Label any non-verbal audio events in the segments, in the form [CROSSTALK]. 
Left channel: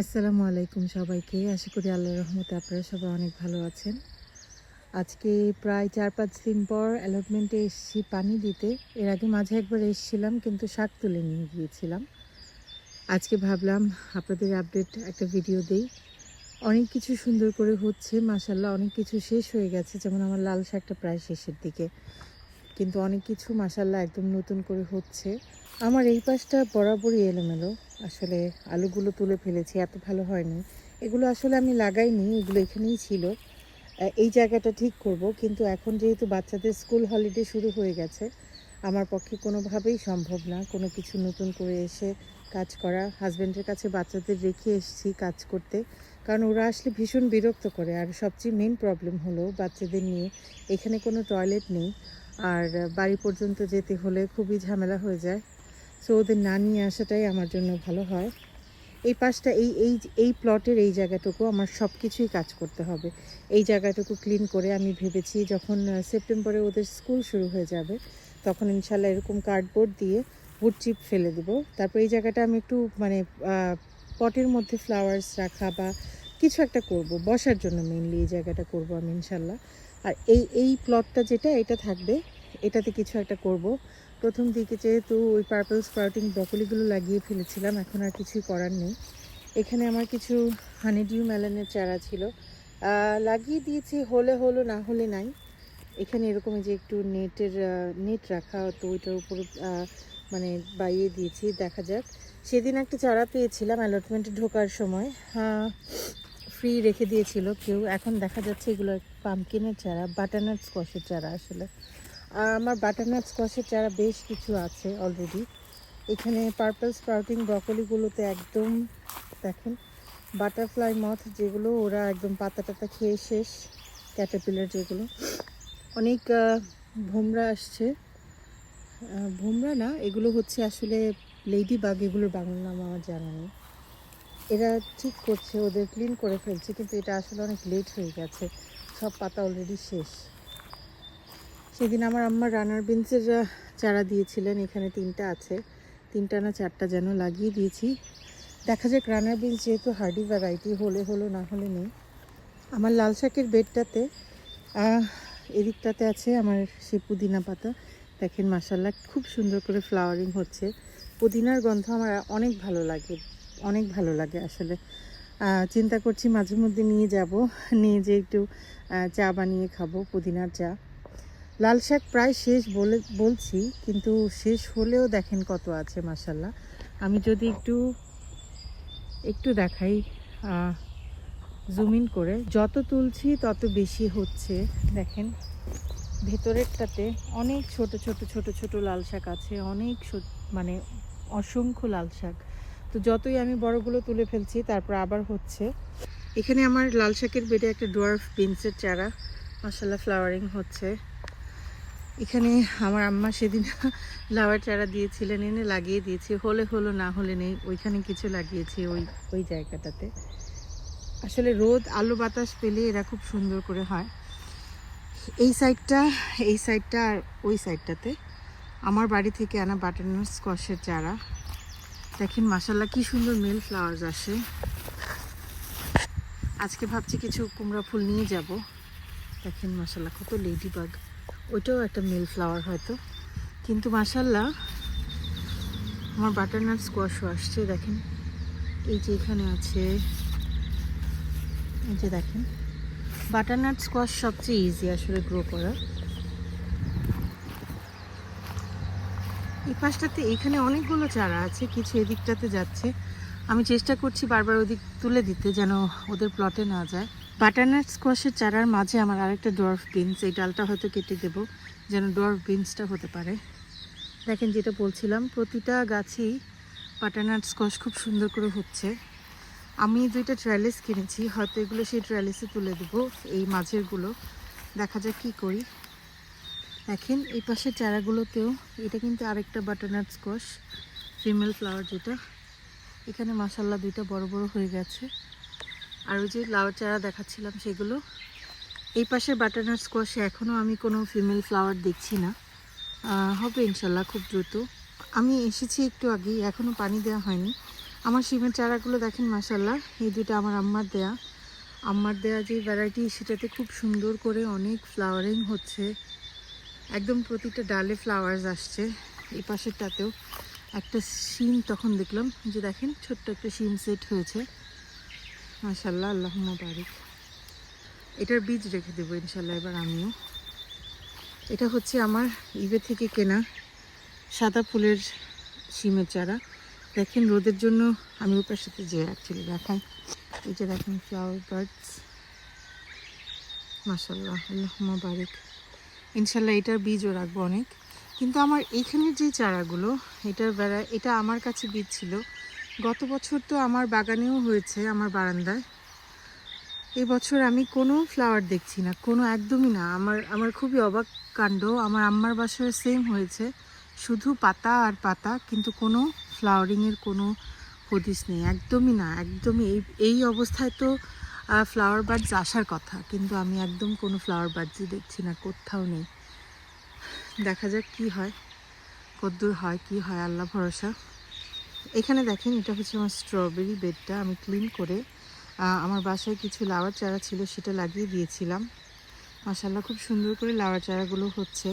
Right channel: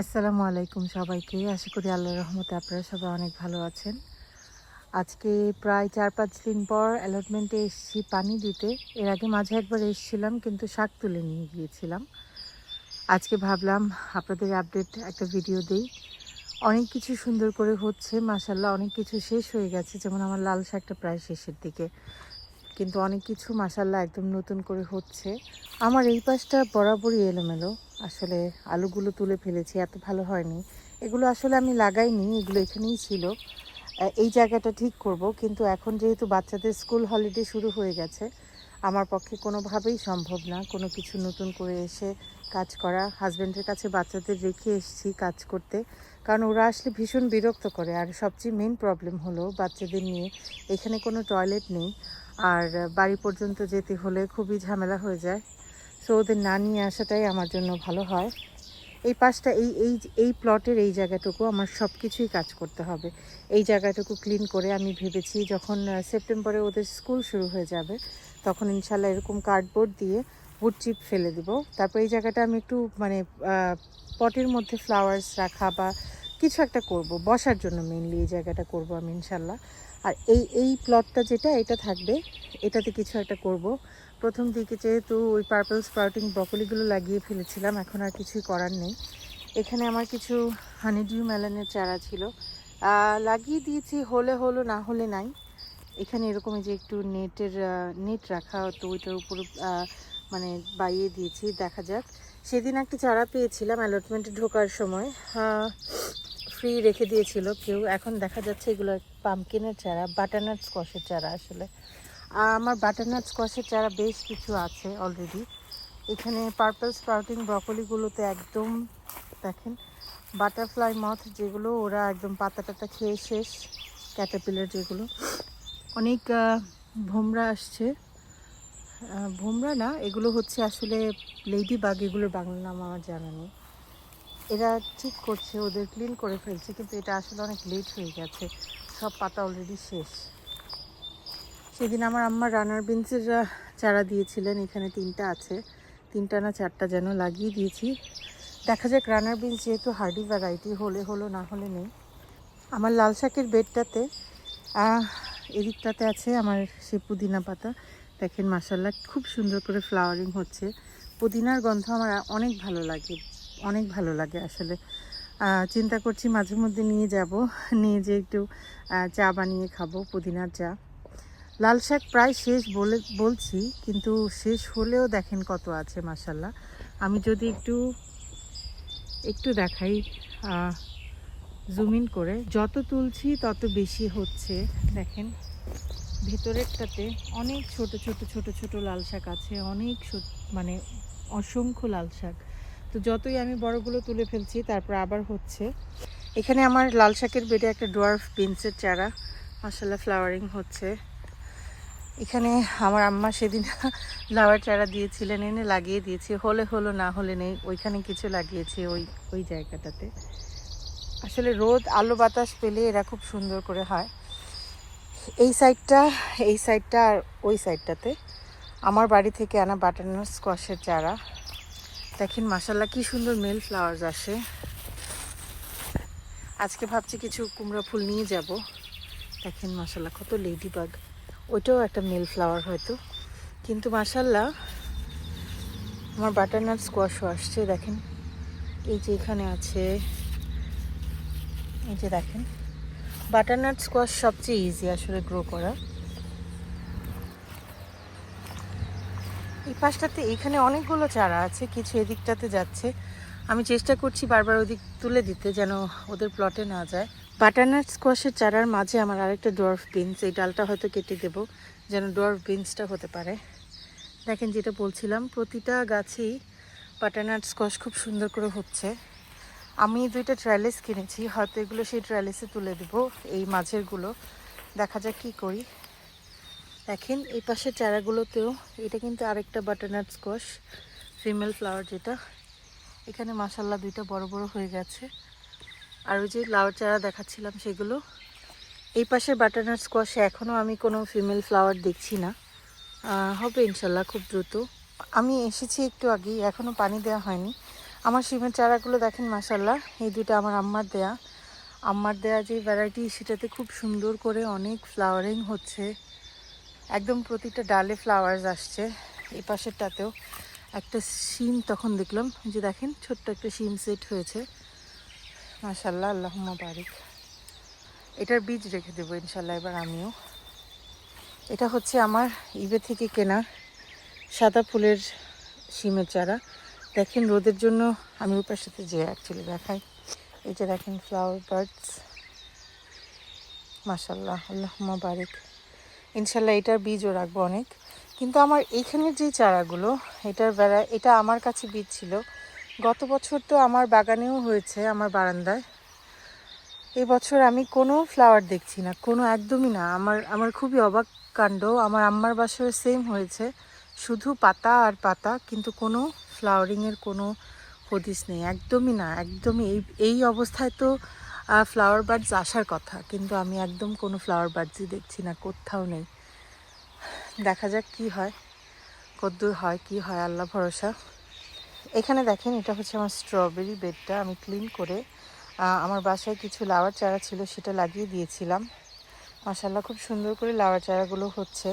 আসসালামু আলাইকুম সবাইকে। আশা করি আল্লাহর রহমতে আপনারা সবাই অনেক ভালো আছেন। আজকে প্রায় চার পাঁচ দিন পর অ্যালটমেন্টে এসেছি পানি দিতে। এর আগে মাঝে একবার এসেছিলাম, কিন্তু শাক তুলে নিয়ে গিয়েছিলাম। আজকে ভাবলাম আপনাদের আপডেট একটা ভিডিও দিই। অনেক কিছু সুন্দর করে হচ্ছে মাসাল্লাহ অনেক কিছু শেষ হয়ে গেছে, যেমন আমার লাল শাকটা প্রায় শেষের দিকে। কিন্তু অনেক কিছু মাসাল্লাহ একদম নতুন করে হচ্ছে। আমার এই পাশটা বরাবরই এলোমেলো। আসলে আলুগুলো তুলে ফেলেছি, এত ভালো হয়নি। এগুলো আসলে আমি লাগাইনি, এগুলো এখানেই ছিল। এই জায়গাটা ঠিক করব, কিন্তু এখন যেহেতু বাচ্চাদের স্কুল হলিডে শুরু হয়ে গেছে, আমার পক্ষে কোনোভাবেই সম্ভব না। কোনো কিছু নতুন করে এসে কাজ করা হাজব্যান্ডের কাছে বাচ্চাদের রেখে এসেছি কাজ করতে, কারণ ওরা আসলে ভীষণ বিরক্ত করে। আর সবচেয়ে মেন প্রবলেম হলো বাচ্চাদের নিয়ে, এখানে কোনো টয়লেট নেই। আর বাড়ি পর্যন্ত যেতে হলে খুবই ঝামেলা হয়ে যায়। তো ওদের না নিয়ে আসাটাই আমার জন্য ভালো হয়। এই পাশটা, এই এই এই প্লটের এই জায়গাটুকু আমার সব কিছুই কাজ করতে হবে। এই জায়গাটুকু ক্লিন করে আমি ভেবেছি যখন সেপ্টেম্বরে ওদের স্কুল শুরু হয়ে যাবে, তখন ইনশাল্লাহ এরকম কার্ডবোর্ড দিয়ে উড চিপ ফেলে দেবো। তারপর এই জায়গাটা আমি একটু মানে পটের মধ্যে ফ্লাওয়ার্স রাখা বা কিছু একটা করব, বসার জন্য মেনলি এই জায়গাটা করব আমি, ইনশাল্লাহ। আর এই এই প্লটটা যেটা, এটা থাকবে, এটাতে কিছু একটা করব। প্রথম দিকে যেহেতু ওই পার্পল স্প্রাউটিং ব্রকলিগুলো লাগিয়ে ফেলেছিলাম, এখন আর কিছুই করার নেই। এখানে আমার কিছু হানিডিউ মেলানের চারা ছিল। লাগিয়ে দিয়েছি, হলে হলো না হলে নাই। এখানে এরকম যে একটু নেটের নেট রাখা, তো ওইটার উপর মানে বাইয়ে দিয়েছি, দেখা যাক। সেদিন একটা চারা পেয়েছিলাম অ্যালটমেন্টে ঢোকার সময়। ফ্রি রেখে দিয়েছিল কেউ। এখন দেখা যাচ্ছে এগুলো পাম্পকিনের চারা বাটারনাট স্কোয়াশের চারা আসলে। আমার বাটারনাট স্কোয়াশের চারা বেশ কিছু আছে অলরেডি এখানে পার্পল স্প্রাউটিং ব্রকলিগুলোতে একদম, দেখেন বাটারফ্লাই মথ যেগুলো, ওরা একদম পাতা টাতা খেয়ে শেষ। ক্যাটাপিলার যেগুলো। অনেক ভোমরা আসছে। ভোমরা না, এগুলো হচ্ছে আসলে লেডি বাগ এগুলোর বাংলা নাম আমার জানা নেই। এরা ঠিক করছে ওদের ক্লিন করে ফেলছে কিন্তু এটা আসলে অনেক লেট হয়ে গেছে। সব পাতা অলরেডি শেষ। সেদিন আমার আম্মা রানার আহ, চারা দিয়েছিলেন এখানে তিনটা আছে। তিনটা না চারটা যেন লাগিয়ে দিয়েছি। দেখা যাক রানার বিনস যেহেতু হার্ডি ভ্যারাইটি হলে হলো না হলে নেই। আমার লাল শাকের বেডটাতে এদিকটাতে আছে আমার সে পুদিনা পাতা। দেখেন মাসাল্লাহ খুব সুন্দর করে ফ্লাওয়ারিং হচ্ছে। পুদিনার গন্ধ আমার অনেক ভালো লাগে। অনেক ভালো লাগে আসলে। চিন্তা করছি মাঝে মধ্যে নিয়ে যাব, নিয়ে যে একটু চা বানিয়ে খাব, পুদিনার চা। লাল শাক প্রায় শেষ বলে, বলছি, কিন্তু শেষ হলেও দেখেন কত আছে মাসাল্লাহ আমি যদি একটু একটু দেখাই জুম ইন করে। যত তুলছি, তত বেশি হচ্ছে, দেখেন। ভেতরেরটাতে অনেক ছোট ছোট ছোট ছোট লাল শাক আছে, অনেক মানে অসংখ্য লাল শাক। তো যতই আমি বড়গুলো তুলে ফেলছি, তারপর আবার হচ্ছে। এখানে আমার লাল শাকের বেডে একটা ডোয়ার্ফ বিনসের চারা। মাসাল্লাহ ফ্লাওয়ারিং হচ্ছে। এখানে আমার আম্মা সেদিন [LAUGHS] লাউয়ের চারা দিয়েছিলেন, এনে লাগিয়ে দিয়েছি। হলে হলো, না হলে নেই, ওইখানে কিছু লাগিয়েছি ওই ওই জায়গাটাতে। আসলে রোদ, আলো, বাতাস পেলে এরা খুব সুন্দর করে হয়। এই সাইডটা এই সাইডটা আর ওই সাইডটাতে। আমার বাড়ি থেকে আনা বাটারনাট স্কোয়াশের চারা। দেখেন মাসাল্লাহ কি সুন্দর মেল ফ্লাওয়ার্স আসে। আজকে ভাবছি কিছু কুমড়া ফুল নিয়ে যাব। দেখেন মাসাল্লাহ কত লেডি বাগ ওইটাও একটা মেল ফ্লাওয়ার হয়তো। কিন্তু মাসাল্লাহ আমার বাটারনাট স্কোয়াশও আসছে, দেখেন। এই যে এখানে আছে, এই যে দেখেন। বাটারনাট স্কোয়াশ সবচেয়ে ইজি আসলে গ্রো করা। এই পাশটাতে এখানে অনেকগুলো চারা আছে, কিছু এদিকটাতে যাচ্ছে। আমি চেষ্টা করছি বারবার ওদিক তুলে দিতে যেন ওদের প্লটে না যায়। বাটারনাট স্কোয়াশের চারার মাঝে আমার আরেকটা ডোয়ার্ফ বিনস এই ডালটা হয়তো কেটে দেবো, যেন ডোয়ার্ফ বিনসটা হতে পারে। দেখেন যেটা বলছিলাম, প্রতিটা গাছেই বাটারনাট স্কোয়াশ খুব সুন্দর করে হচ্ছে। আমি দুইটা ট্রায়ালেস কিনেছি, হয়তো এগুলো সেই ট্রায়ালেসে তুলে দেবো, এই মাঝেরগুলো। দেখা যাক কী করি। দেখেন, এই পাশের চারাগুলোতেও এটা কিন্তু আরেকটা বাটারনাট স্কোয়াশ ফিমেল ফ্লাওয়ার যেটা। এখানে মাসাল্লাহ দুইটা বড় বড় হয়ে গেছে। আর ওই যে লাউ চারা দেখাচ্ছিলাম সেগুলো। এই পাশে বাটারনাট স্কোয়াশে এখনও আমি কোনো ফিমেল ফ্লাওয়ার দেখছি না। হবে ইনশাল্লাহ খুব দ্রুত। আমি এসেছি একটু আগেই এখনও পানি দেওয়া হয়নি। আমার শিমের চারাগুলো দেখেন মাসাল্লাহ এই দুটো আমার আম্মার দেয়া। আম্মার দেয়া যে ভ্যারাইটি সেটাতে খুব সুন্দর করে অনেক ফ্লাওয়ারিং হচ্ছে। একদম প্রতিটা ডালে ফ্লাওয়ার্স আসছে। এই পাশেরটাতেও একটা শিম তখন দেখলাম। যে দেখেন, ছোট্ট একটা শিম সেট হয়েছে। মাসাল্লাহ আল্লাহ বারিক এটার বীজ রেখে দেবো ইনশাল্লাহ এবার আমিও। এটা হচ্ছে আমার ইবে থেকে কেনা সাদা ফুলের শিমের চারা। দেখেন, রোদের জন্য আমি ওপার সাথে যে অ্যাকচুয়ালি দেখাই। এই যে দেখেন ফ্লাওয়ার বার্ডস মাসাল্লাহ আল্লাহ বারিক ইনশাল্লাহ এটার বীজও রাখব অনেক। কিন্তু আমার এখানের যে চারাগুলো, এটার বেড়া, এটা আমার কাছে বীজ ছিল। গত বছর তো আমার বাগানেও হয়েছে, আমার বারান্দায়। এই বছর আমি কোনো ফ্লাওয়ার দেখছি না, কোনো একদমই না। আমার আমার খুবই অবাক কাণ্ড, আমার আম্মার বাসায় সেম হয়েছে। শুধু পাতা আর পাতা, কিন্তু কোনো ফ্লাওয়ারিংয়ের কোনো হদিস নেই, একদমই না, একদমই এই এই অবস্থায় তো ফ্লাওয়ার বার্ডস আসার কথা, কিন্তু আমি একদম কোনো ফ্লাওয়ার বার্ডসই দেখছি না, কোথাও নেই। দেখা যাক কি হয়, কদ্দূর হয়, কি হয়, আল্লাহ ভরসা। এখানে দেখেন, এটা হচ্ছে আমার স্ট্রবেরি বেডটা আমি ক্লিন করে আমার বাসায় কিছু লাওয়ার চারা ছিল, সেটা লাগিয়ে দিয়েছিলাম। মাসাল্লাহ খুব সুন্দর করে লাওয়ার চারাগুলো হচ্ছে।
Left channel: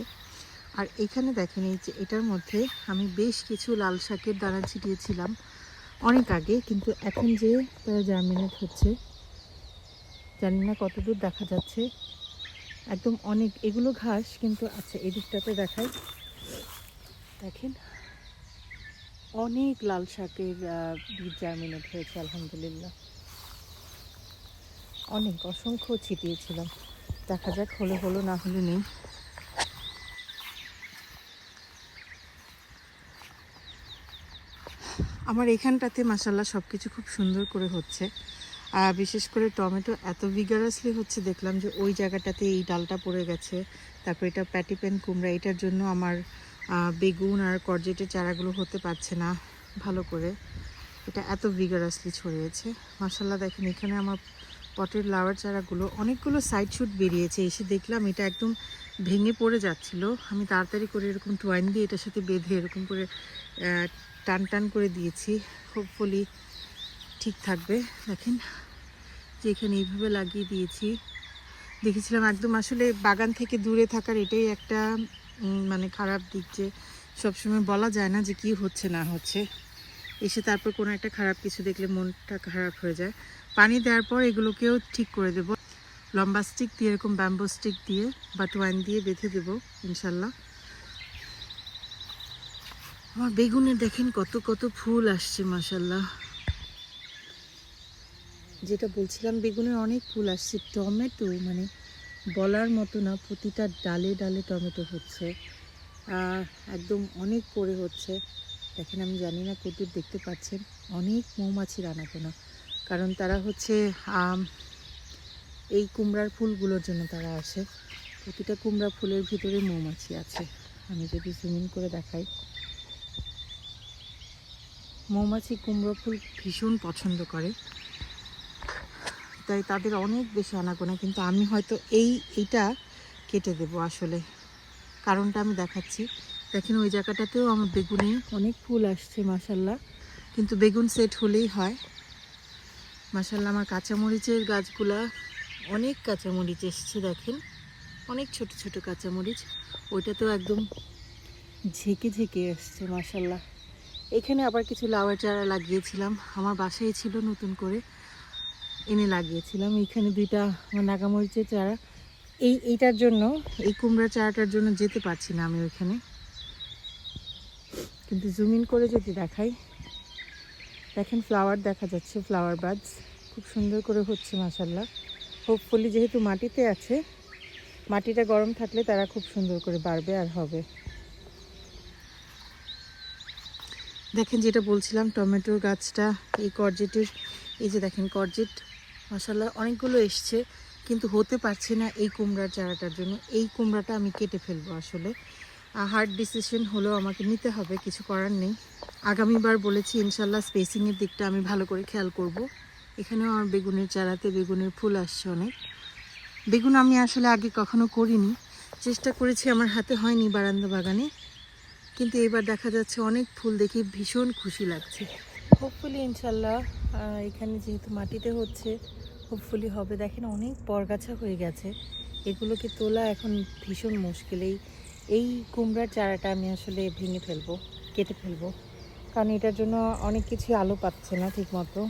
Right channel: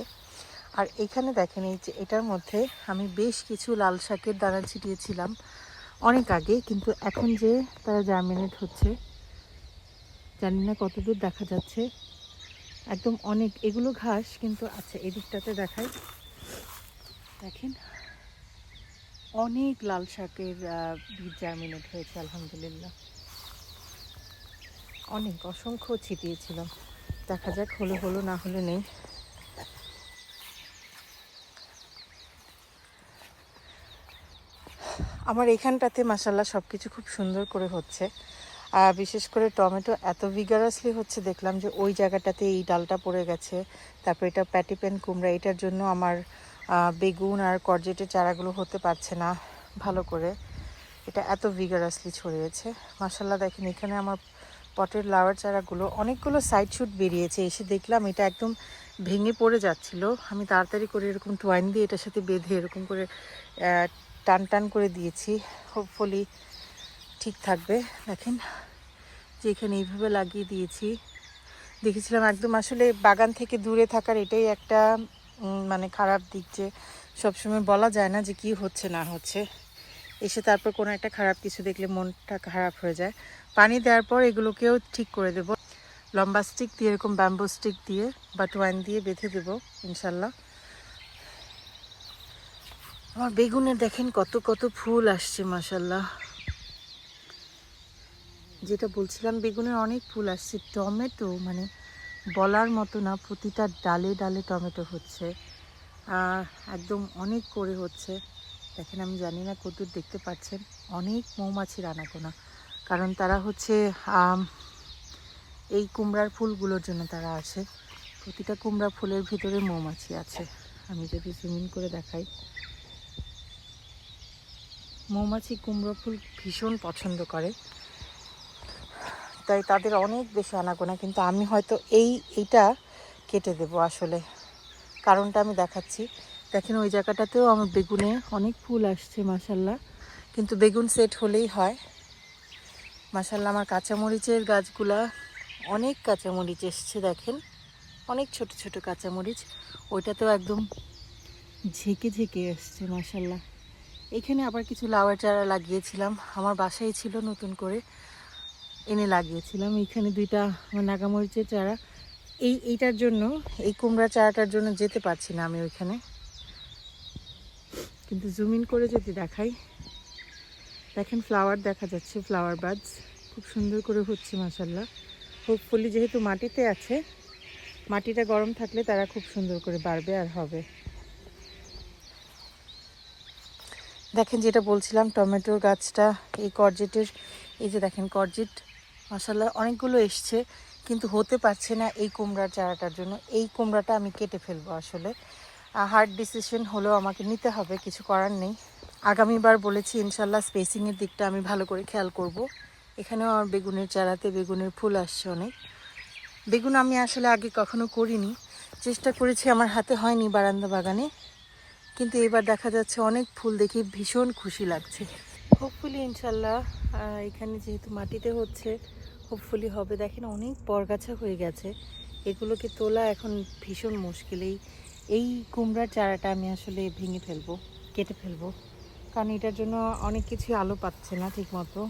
আর এখানে দেখেন, এই যে এটার মধ্যে আমি বেশ কিছু লাল শাকের দানা ছিটিয়েছিলাম অনেক আগে, কিন্তু এখন যে তারা জার্মিনেট হচ্ছে জানি না কতদূর দেখা যাচ্ছে। একদম অনেক, এগুলো ঘাস, কিন্তু আচ্ছা এদিকটাতে দেখাই। দেখেন, অনেক লাল শাকের বীজ জার্মিনেট হয়েছে আলহামদুলিল্লাহ। অনেক অসংখ্য ছিটিয়েছিলাম দেখা যাক, হলো হলো, না হলে নেই। আমার এখানটাতে মাসাল্লাহ সব কিছু খুব সুন্দর করে হচ্ছে। আর বিশেষ করে টমেটো এত ভিগারাসলি হচ্ছে, দেখলাম যে ওই জায়গাটাতে এই ডালটা পড়ে গেছে। তারপর এটা প্যাটিপেন কুমড়া, এটার জন্য আমার বেগুন আর করজেটের চারাগুলো হতে পারছে না ভালো করে। এটা এত ভিগারাসলি ছড়িয়েছে। মাসাল্লাহ দেখেন এখানে আমার পটের লাওয়ার চারাগুলো অনেকগুলো সাইড শুট বেরিয়েছে। এসে দেখলাম এটা একদম ভেঙে পড়ে যাচ্ছিল। আমি তাড়াতাড়ি করে এরকম টুয়াইন দিয়ে এটার সাথে বেঁধে এরকম করে টান টান করে দিয়েছি। হোপফুলি ঠিক থাকবে। দেখেন, যে এখানে এইভাবে লাগিয়ে দিয়েছি। দেখেছিলাম একদম আসলে বাগান থেকে দূরে থাকার এটাই একটা মানে খারাপ দিক যে সবসময় বলা যায় না যে কি হচ্ছে, না হচ্ছে। এসে তারপর কোনো একটা খারাপ কিছু দেখলে মনটা খারাপ হয়ে যায়। পানি দেওয়ার পর এগুলোকেও ঠিক করে দেব। লম্বা স্টিক দিয়ে, এরকম ব্যাম্বো স্টিক দিয়ে বা ওয়াইন দিয়ে বেঁধে দেবো, ইনশাল্লাহ। আমার বেগুনে দেখেন কত কত ফুল আসছে মাসাল্লাহ যেটা বলছিলাম, বেগুনের অনেক ফুল আসছে। টমেটো মানে বলার মতো না, প্রতিটা ডালে ডালে টমেটো হচ্ছে। একদম অনেক করে হচ্ছে। দেখেন, আমি জানি না কতদূর দেখতে পাচ্ছেন, অনেক মৌমাছির আনাগোনা কারণ তারা হচ্ছে এই কুমড়ার ফুলগুলোর জন্য তারা আসে। প্রতিটা কুমড়া ফুলের ভিতরে মৌমাছি আছে। আমি যদি জুমিন করে দেখাই। মৌমাছি কুমড়ো ফুল ভীষণ পছন্দ করে। তাই তাদের অনেক বেশি আনাগোনা, কিন্তু আমি হয়তো এই, এইটা কেটে দেব আসলে। কারণটা আমি দেখাচ্ছি। দেখেন ওই জায়গাটাতেও আমার বেগুনে অনেক ফুল আসছে মাসাল্লাহ কিন্তু বেগুন সেট হলেই হয়। মাসাল্লাহ আমার কাঁচামরিচের গাছগুলা অনেক কাঁচামরিচ এসছে, দেখেন। অনেক ছোট ছোট কাঁচামরিচ। ওইটাতেও একদম ঝেঁকে ঝেঁকে এসছে মাসাল্লাহ এখানে আবার কিছু লাউয়ের চারা লাগিয়েছিলাম। আমার বাসায় ছিল নতুন করে। এনে লাগিয়েছিলাম। এখানে দুইটা নাগামরিচের চারা। এই, এইটার জন্য, এই কুমড়া চারাটার জন্য যেতে পারছি না আমি ওইখানে। কিন্তু জুম ইন করে যদি দেখাই, দেখেন ফ্লাওয়ার দেখা যাচ্ছে ফ্লাওয়ার বাডস খুব সুন্দর করে হচ্ছে মাসাল্লাহ হোপফুলি যেহেতু মাটিতে আছে, মাটিটা গরম থাকলে তারা খুব সুন্দর করে বাড়বে আর হবে। দেখেন যেটা বলছিলাম, টমেটোর গাছটা, এই করজেটের, এই যে দেখেন করজেট মশাল্লা অনেকগুলো এসছে, কিন্তু হতে পারছে না এই কুমড়ার চারাটার জন্য। এই কুমড়াটা আমি কেটে ফেলব আসলে। হার্ড ডিসিশন হলেও আমাকে নিতে হবে, কিছু করার নেই। আগামীবার বলেছি ইনশাল্লাহ স্পেসিংয়ের দিকটা আমি ভালো করে খেয়াল করব। এখানেও আমার বেগুনের চারাতে বেগুনের ফুল আসছে অনেক। বেগুন আমি আসলে আগে কখনো করিনি। চেষ্টা করেছি, আমার হাতে হয়নি বারান্দা বাগানে। কিন্তু এবার দেখা যাচ্ছে অনেক ফুল দেখে ভীষণ খুশি লাগছে। হোপফুলি ইনশাল্লাহ এখানে যেহেতু মাটিতে হচ্ছে হোপফুলি হবে। দেখেন অনেক বরগাছা হয়ে গেছে। এগুলোকে তোলা এখন ভীষণ মুশকিল। এই এই কুমড়ার চারাটা আমি আসলে ভেঙে ফেলব, কেটে ফেলব। কারণ এটার জন্য অনেক কিছু আলো পাচ্ছে না ঠিকমতো।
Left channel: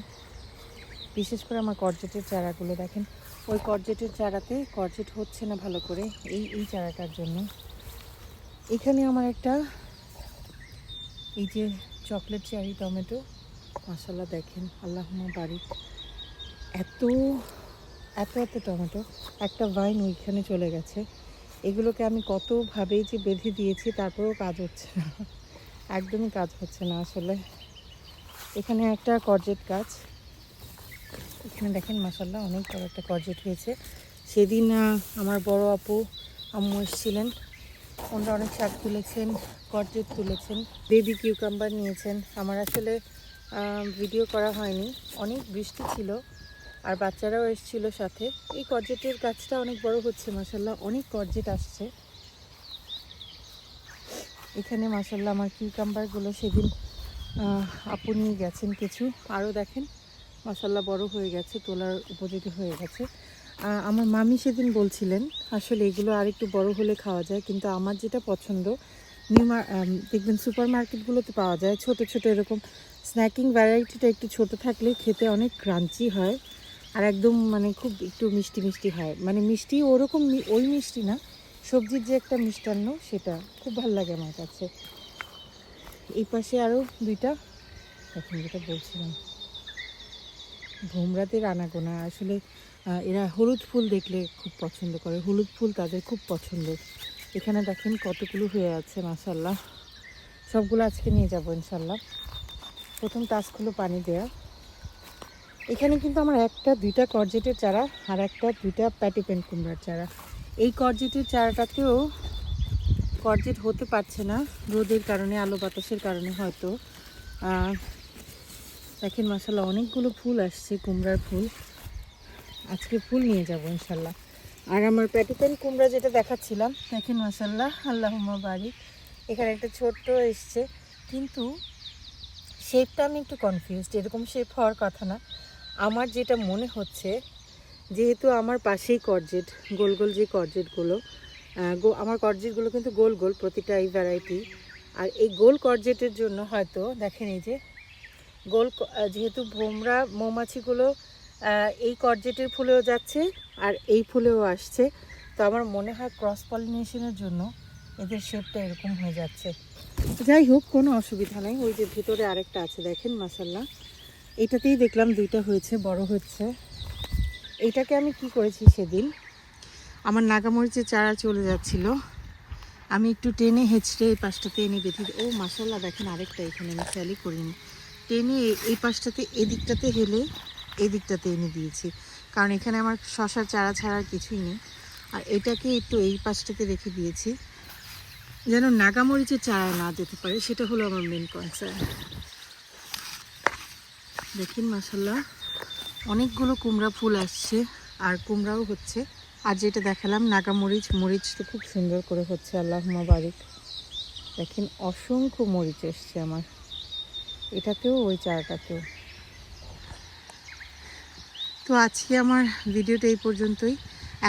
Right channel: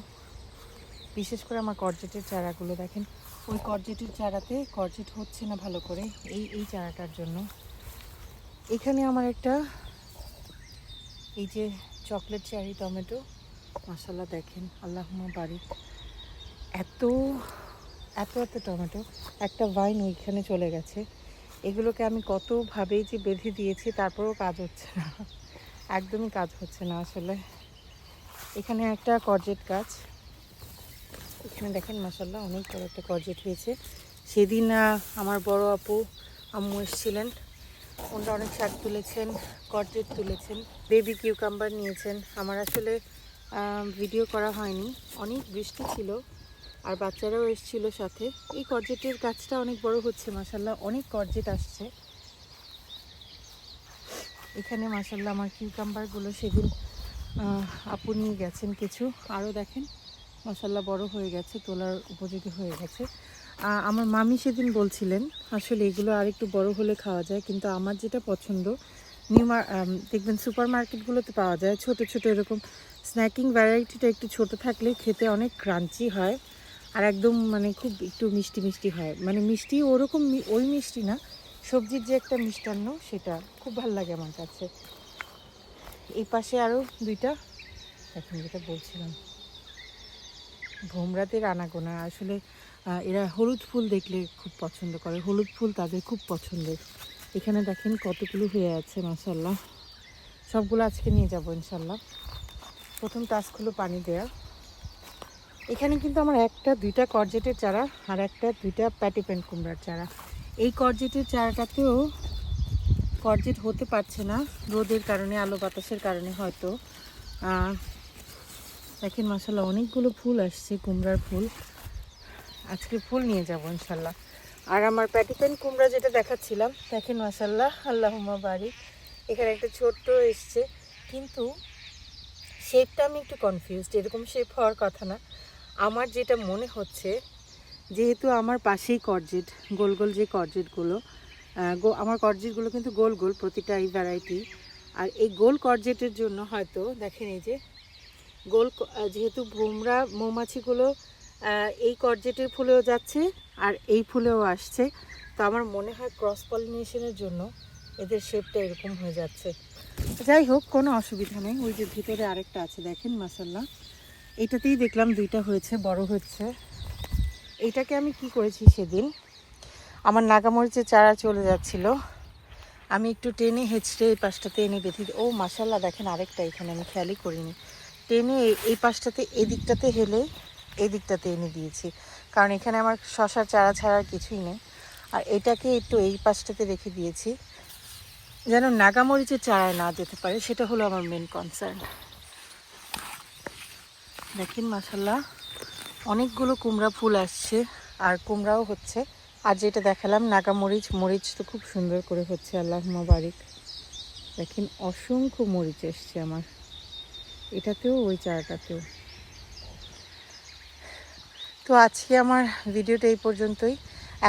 বিশেষ করে আমার করজেটের চারাগুলো। দেখেন, ওই করজেটের চারাতে করজেট হচ্ছে না ভালো করে এই এই চারাটার জন্য। এখানে আমার একটা, এই যে চকলেট চেরি টমেটো মশলা দেখেন, আল্লাহ বাড়ি এত এত এত টমেটো, একটা ভাইন ওইখানে চলে গেছে। এগুলোকে আমি কতভাবেই যে বেঁধে দিয়েছি, তারপরেও কাজ হচ্ছে না। একদমই কাজ হচ্ছে না আসলে। এখানে একটা করজেট গাছ। এখানে দেখেন মশলা অনেক বড় একটা করজেট হয়েছে। সেদিন আমার বড় আপু, আম্মু এসেছিলেন। ওনারা অনেক শাক তুলেছেন করজেট তুলেছেন। বেবি কিউকাম্বার নিয়েছেন। আমার আসলে ভিডিও করা হয়নি। অনেক বৃষ্টি ছিল। আর বাচ্চারাও এসেছিল সাথে। এই করজেটের গাছটা অনেক বড় হচ্ছে মাসাল্লাহ অনেক করজেট আসছে। এখানে মাসাল্লাহ আমার কিউকাম্বারগুলো সেদিন আপু নিয়ে গেছেন কিছু। আরও দেখেন মাসাল্লাহ বড় হয়ে গেছে, তোলার উপযোগী হয়ে গেছে। আমার মামি সেদিন বলছিলেন, আসলে এগুলো আর একটু বড় হলে খাওয়া যায়, কিন্তু আমার যেটা পছন্দ, নিউ দেখবেন সুপার মার্কেটগুলোতে পাওয়া যায়। ছোট ছোট এরকম স্ন্যাকিং ভ্যারাইটিটা একটু ছোট থাকলে খেতে অনেক ক্রাঞ্চি হয়। আর একদম মানে খুব একটু মিষ্টি মিষ্টি হয়। মানে মিষ্টি ওরকম ওই মিষ্টি না, সবজির যে একটা মিষ্টান্ন সেটা খুব ভালো লাগে আমার কাছে। এই পাশে আরও দুইটা, এখন যেটা বলছিলাম, ভোমরাতে রানাগোনা আসলে এরা হলুদ ফুল দেখলে খুব পছন্দ করে। হলুদ ফুল তাদের খুব পছন্দ। এখানে দেখেন কতগুলো হয়ে আছে মাসাল্লাহ সবগুলো আজকে নিয়ে যাব ইনশাল্লাহ প্রথম টাচগুলো পানি দেয়া। এখানে কিন্তু আমার একটা, দুইটা করজেটের চারা আর একটা, দুইটা প্যাটিপেন কুমড়ার চারা। এই করজেটের চারাটাতেও করজেট হতে পারছে না, রোদের কারণে, আলো বাতাসের কারণে হয়তো। দেখেন মাসাল্লাহ অনেকগুলো ফুল আসছে, কুমড়ার ফুল। আজকে ফুল নিয়ে যাব ইনশাল্লাহ আর আমার প্যাটিপেন কুমড়া যেটা দেখাচ্ছিলাম, দেখেন মাসাল্লাহ আল্লাহুম্মা বাড়ি এখানে একটা ছোট্ট এসছে, কিন্তু শেপটা আমি একটু কনফিউজড এরকম শেপ হওয়ার কথা না। আমার যেটা মনে হচ্ছে, যেহেতু আমার পাশেই করজেট গোল গোল যে করজেটগুলো আমার করজেটগুলো কিন্তু গোল গোল প্রতিটা এই ভ্যারাইটি আর এই গোল করজেটের জন্য হয়তো, দেখেন এই যে, গোল যেহেতু ভোমরা মৌমাছিগুলো এই করজেটের ফুলেও যাচ্ছে, আর এই ফুলেও আসছে, তো আমার মনে হয় ক্রস পলিনেশনের জন্য এদের শেপটা এরকম হয়ে যাচ্ছে। যাই হোক, কোনো অসুবিধা নেই, ওই যে ভিতরে আরেকটা আছে, দেখেন মাসাল্লাহ এইটাতেই দেখলাম দুইটা হয়েছে, বড় হচ্ছে। এইটাকে আমি কি করেছি সেদিন? আমার নাগামরিচের চারা চলে যাচ্ছিল। আমি একটু টেনে হেঁচড়ে এই পাশটাতে এনে বেঁধে ও মাসাল্লাহ দেখেন আরেকটা এখানে, আমি খেয়ালই করিনি। টেনে এই- পাশটাতে, এদিকটাতে হেলে এই দিকটাতে এনে দিয়েছি। কারণ এখানে আমার শশার চারা ছাড়া কিছুই নেই। আর এটাকে একটু এই পাশটাতে রেখে দিয়েছি। যেন নাগামরিচের চারায় না যেতে পারে, সেটা হলো আমার মেন কনসার্ন দেখেন মাসাল্লাহ অনেকগুলো কুমড়া ফুল আসছে আর কুমড়াও হচ্ছে। আর যেটা দেখালাম, নাগামরিচ, মরিচ তো খুব সুন্দর করে হচ্ছে, আল্লাহ বারিক দেখেন, অসংখ্য মরিচ এসছে আমার। এটাতেও, ওই চারাটাতেও। তো আজকে আমার ভিডিওটা এই পর্যন্তই।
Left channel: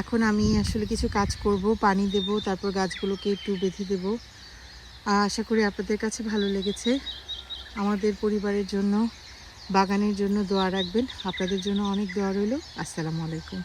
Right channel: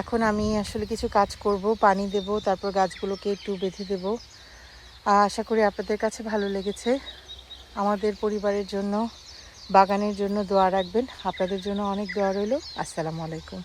এখন আমি আসলে কিছু কাজ করব, পানি দেব, তারপর গাছগুলোকে একটু বেঁধে দেব। আশা করি আপনাদের কাছে ভালো লেগেছে। আমাদের পরিবারের জন্য বাগানের জন্য দোয়া রাখবেন। আপনাদের জন্য অনেক দোয়া রইল। আসসালামু আলাইকুম।